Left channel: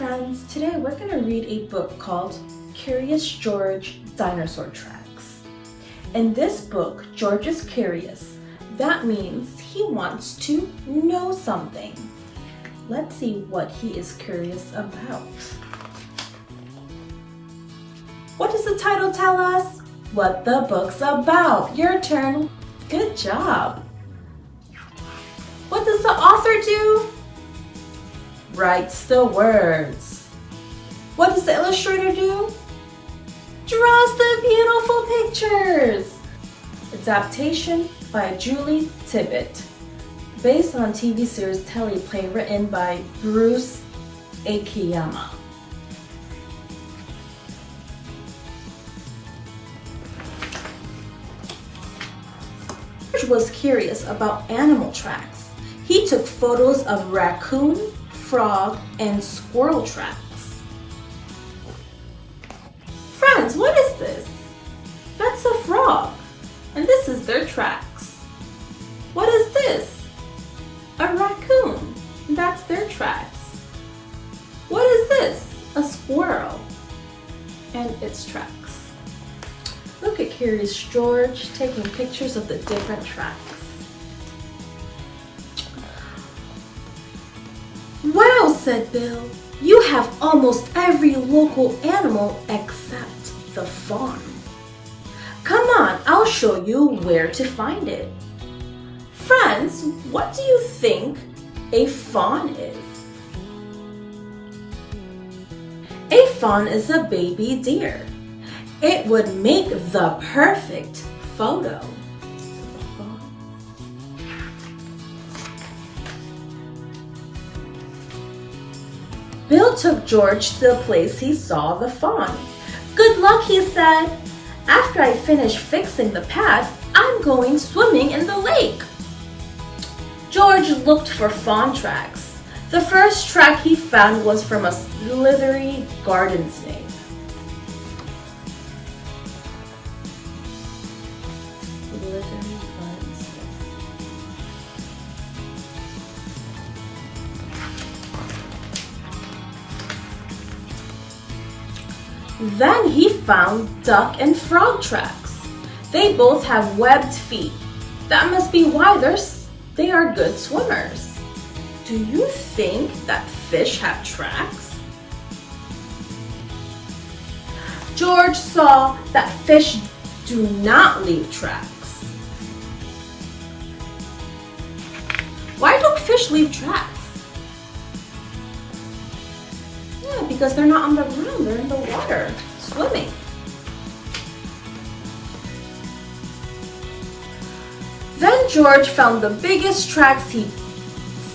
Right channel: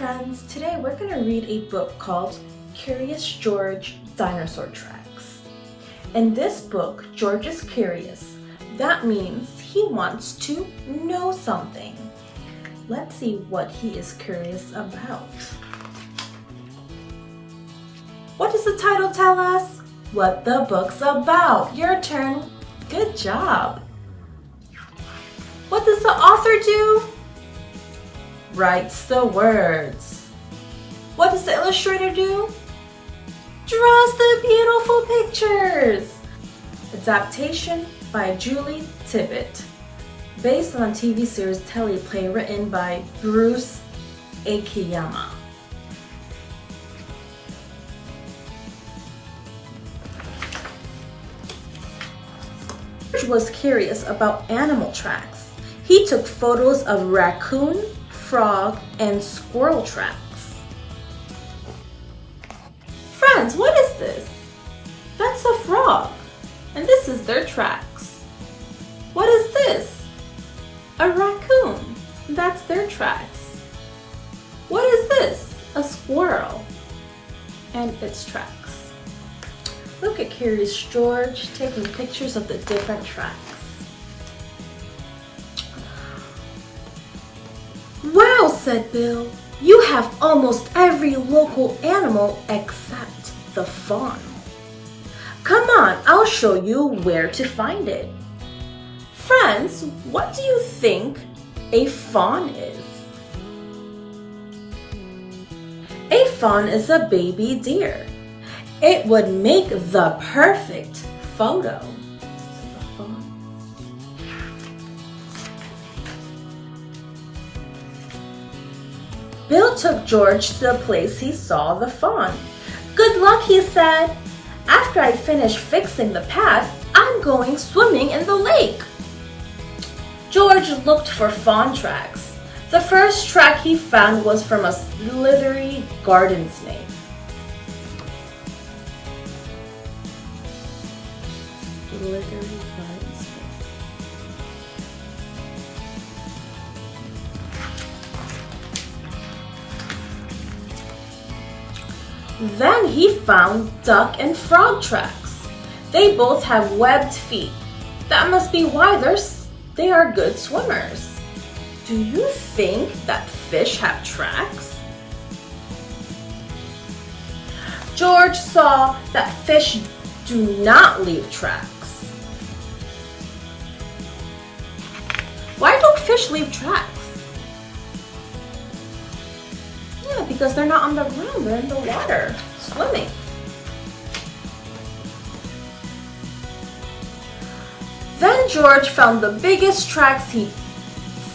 friends, today we're going to read a book called Curious George Dinosaur Tracks. In this book, George is curious. That means he wants to know something. Let's see what he is curious about. What does the title tell us? What the book's about. Your turn. Good job. What does the author do? Writes the words. What does the illustrator do? Draws the beautiful pictures. Adaptation by Julie Tibbett. Based on a TV series Teleplay written by Bruce Akiyama. George was curious about animal tracks. He took photos of raccoon, frog, and squirrel tracks. Friends, what is this? That's a frog, and this is their tracks. What is this? A raccoon, and that's their tracks. What is this? A squirrel, and its tracks. Look at Curious George taking pictures of the different tracks. Wow, said Bill, you have almost every local animal except the fawn. Come on, I'll show you where to find it. Friends, what do you think a fawn is? A fawn is a baby deer. It would make the perfect photo. Bill took George to the place he saw the fawn. Good luck, he said. After I finish fixing the path, I'm going swimming in the lake. George looked for fawn tracks. The first track he found was from a slithery garden snake. Then he found duck and frog tracks. They both have webbed feet. That must be why they are good swimmers. Do you think that fish have tracks? George saw that fish do not leave tracks. Why don't fish leave tracks? Yeah, because they're not on the ground, they're in the water, swimming. Then George found the biggest tracks he'd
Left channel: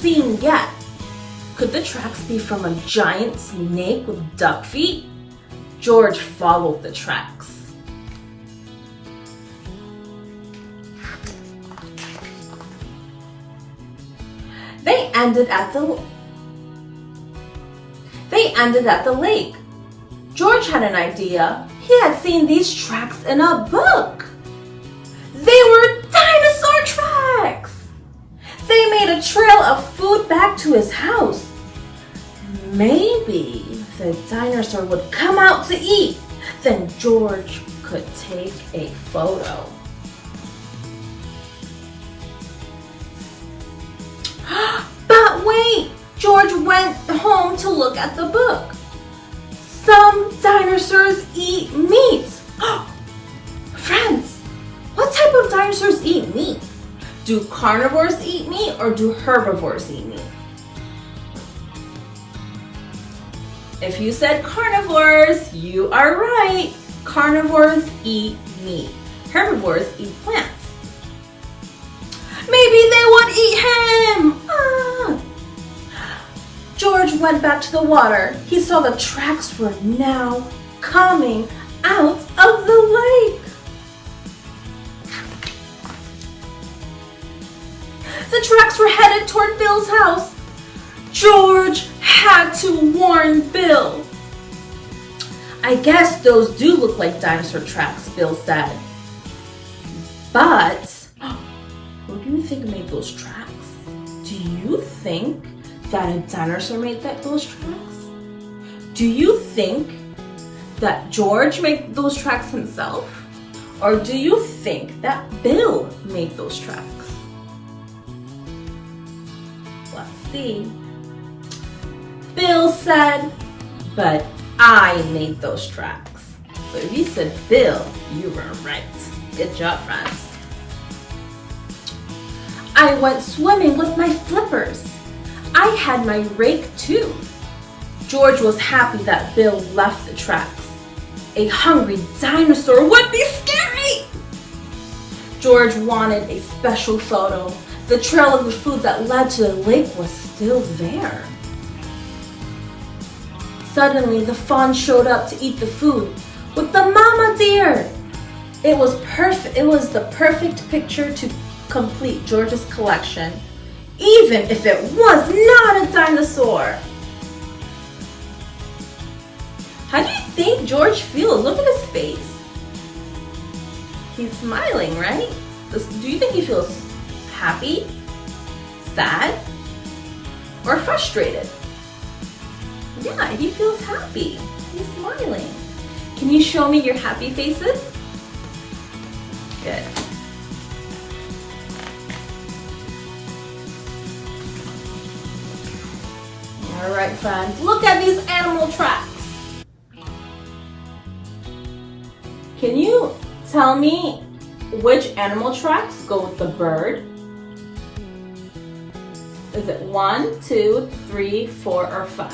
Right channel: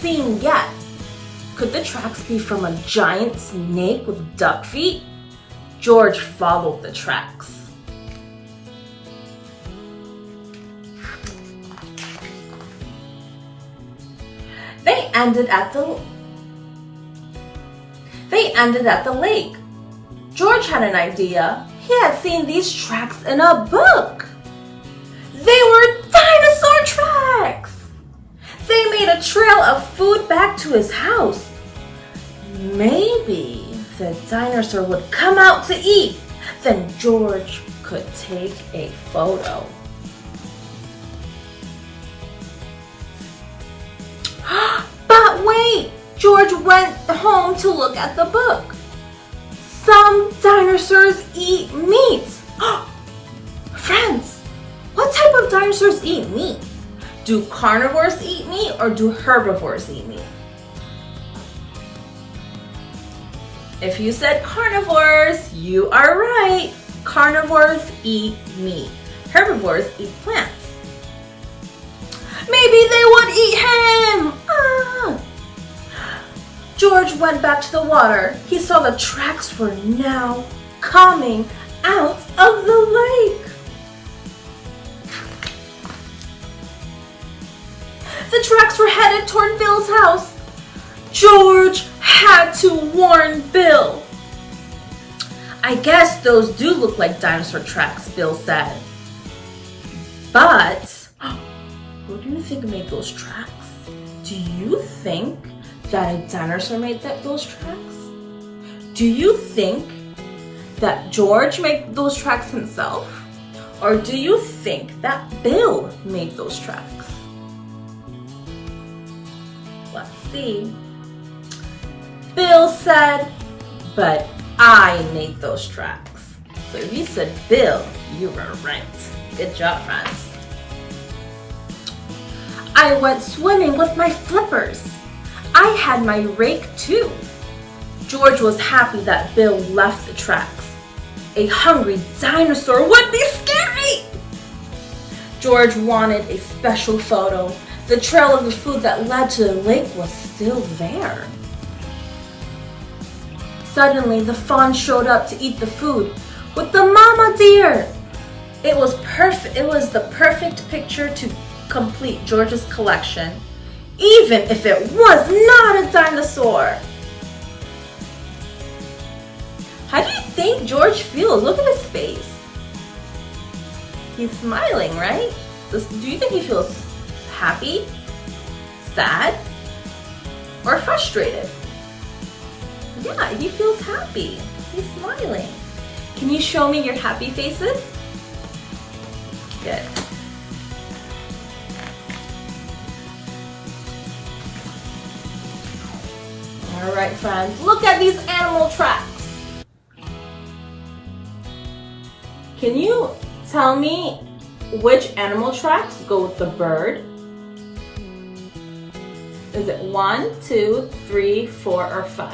seen yet. Could the tracks be from a giant snake with duck feet? George followed the tracks. They ended at the lake. George had an idea. He had seen these tracks in a book. They were dinosaur tracks. They made a trail of food back to his house. Maybe the dinosaur would come out to eat. Then George could take a photo. But wait! George went home to look at the book. Some dinosaurs eat meat. Friends, what type of dinosaurs eat meat? Do carnivores eat meat or do herbivores eat meat? If you said carnivores, you are right. Carnivores eat meat. Herbivores eat plants. Maybe they would eat him! George went back to the water. He saw the tracks were now coming out of the lake. The tracks were headed toward Bill's house. George had to warn Bill. I guess those do look like dinosaur tracks, Bill said. But who do you think made those tracks? Do you think that a dinosaur made those tracks? Do you think that George made those tracks himself? Or do you think that Bill made those tracks? Let's see. Bill said, but I made those tracks. So if you said Bill, you were right. Good job, friends. I went swimming with my flippers. I had my rake too. George was happy that Bill left the tracks. A hungry dinosaur would be scary! George wanted a special photo. The trail of the food that led to the lake was still there. Suddenly, the fawn showed up to eat the food with the mama deer. It was perfect. It was the perfect picture to complete George's collection, even if it was not a dinosaur. How do you think George feels? Look at his face. He's smiling, right? Do you think he feels happy, sad, or frustrated? Yeah, he feels happy. He's smiling. Can you show me your happy faces? Good. All right, friends, look at these animal tracks. Can you tell me which animal tracks go with the bird? Is it 1, 2, 3, 4, or 5?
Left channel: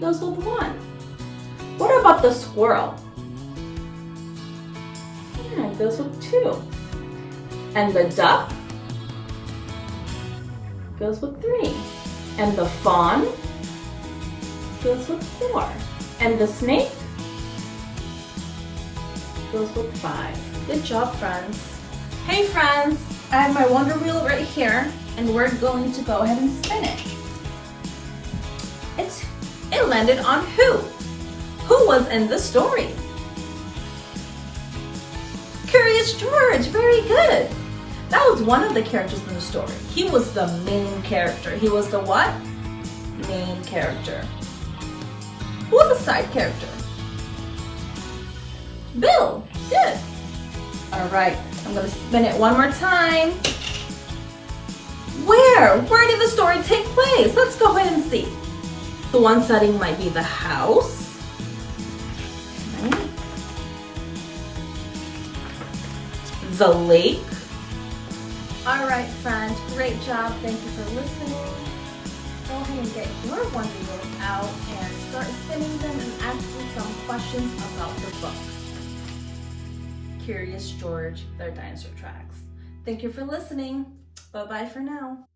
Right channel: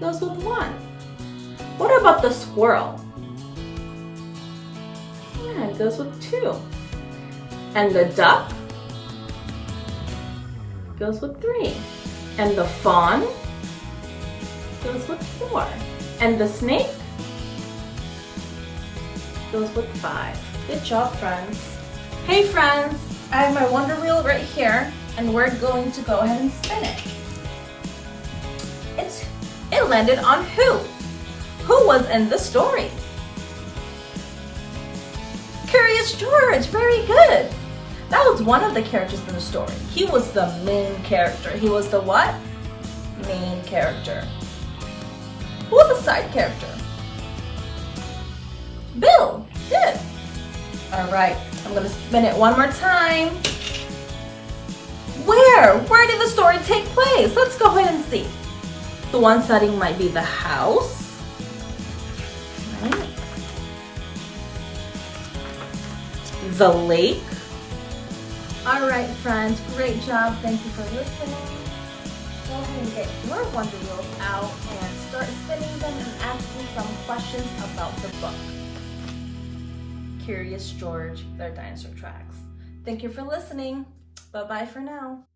Goes with 1. What about the squirrel? Yeah, it goes with 2. And the duck goes with 3. And the fawn goes with 4. And the snake goes with 5. Good job, friends. Hey friends, I have my Wonder Wheel right here, and we're going to go ahead and spin it. It landed on who? Who was in the story? Curious George, very good. That was one of the characters in the story. He was the main character. He was the what? Main character. Who was the side character? Bill. Good. All right, I'm gonna spin it one more time. Where did the story take place? Let's go ahead and see. The one setting might be the house. Right. The lake. All right, friends, great job. Thank you for listening. Go ahead and get your Wonder Wheels out and start spinning them and asking some questions about the book. Curious George, their Dinosaur Tracks. Thank you for listening. Bye-bye for now.